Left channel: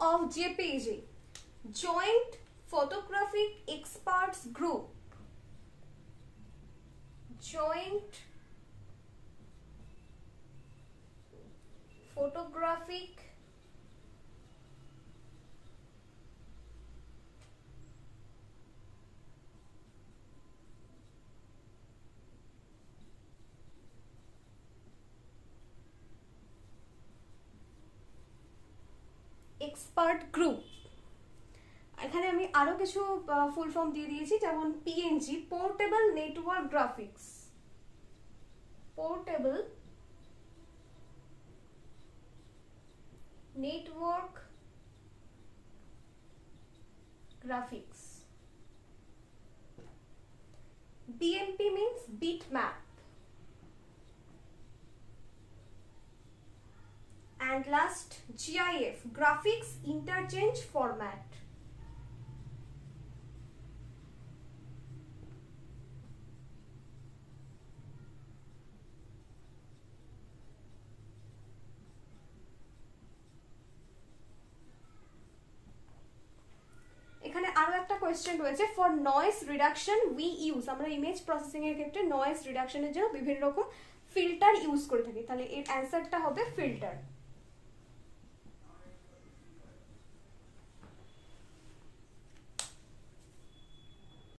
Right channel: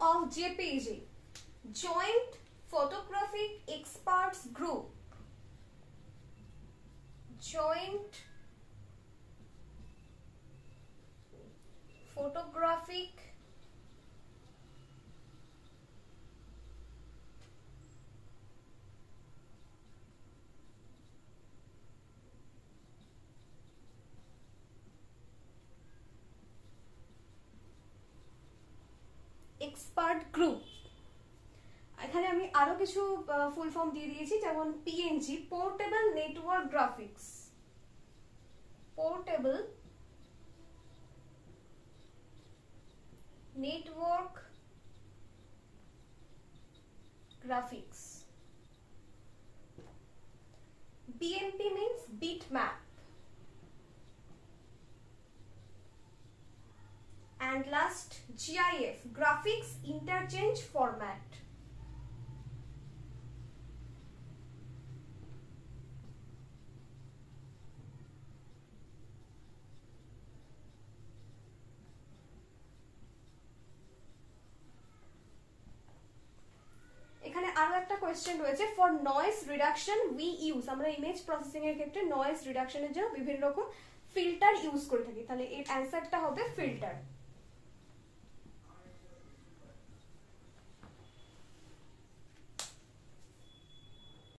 of JPEG, Joint Photographic Experts Group. Joint Photographic expert group. এখানে আমি আরো কিছু ফুল ফর্ম দিয়ে দিয়েছি, যেমন PNG, portable network graphics, portable network graphics. BMP means bitmap. And last, GIF, graphics interchange format. এখানে আরো একটা কোয়েশ্চেন রয়েছে, for noise reduction we use, আমরা ইমেজ প্রসেসিং এর ক্ষেত্রে নয়েজ রিডাকশনের জন্য বিভিন্ন রকম ফিল্টার ইউজ করে থাকি, তাহলে এর অ্যান্সারটা হবে ফিল্টার।